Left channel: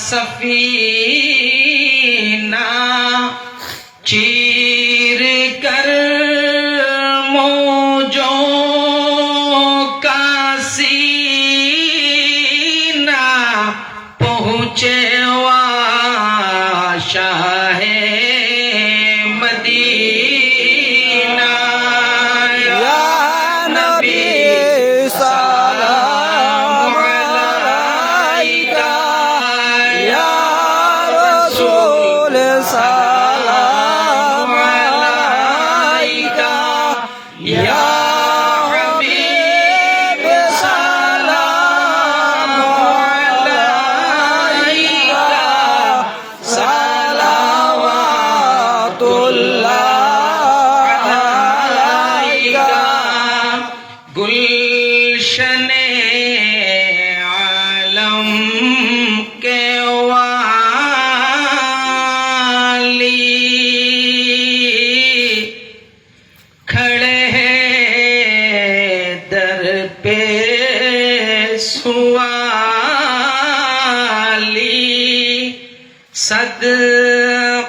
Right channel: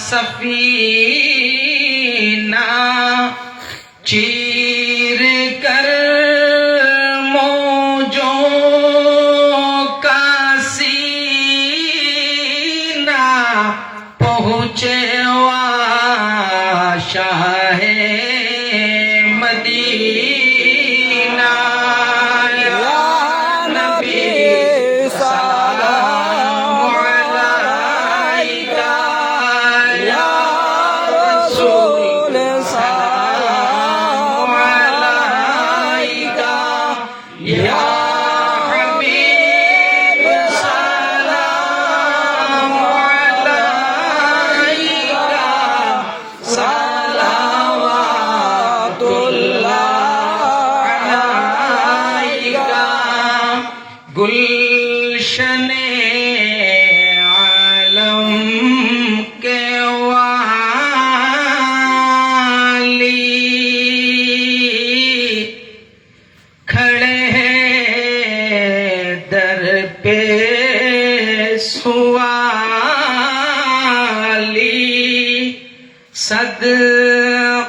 सफीना चीर कर मौजों का सीना पहुँचे शाह मदीना। गुलशन आलम के वाली खड़े हैं दर पे सुवाली सदकाए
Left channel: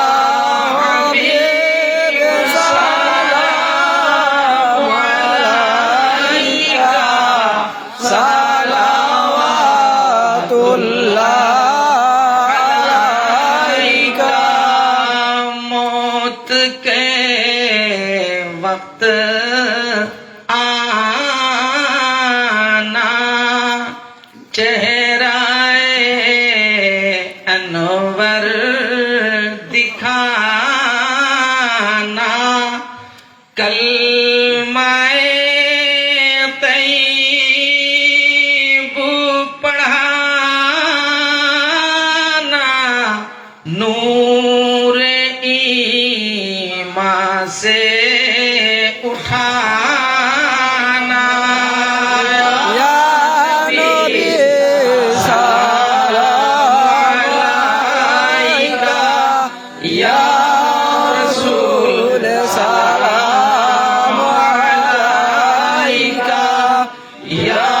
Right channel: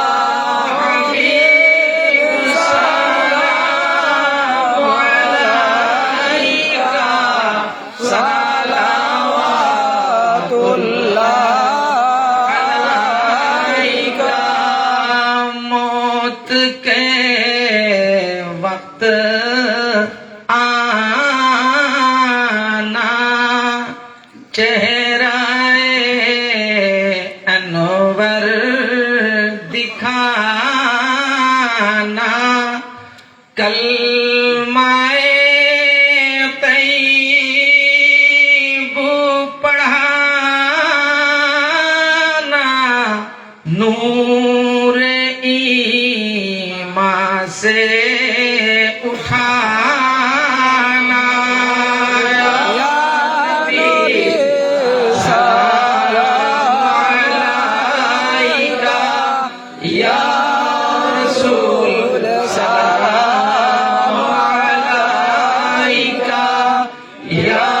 मौत के वक्त आना चेहराए अनवर दिखाना कलमाए নূরে ইমাসে উঠানা। ইয়া রসুল সালাম আলাইকা ইয়া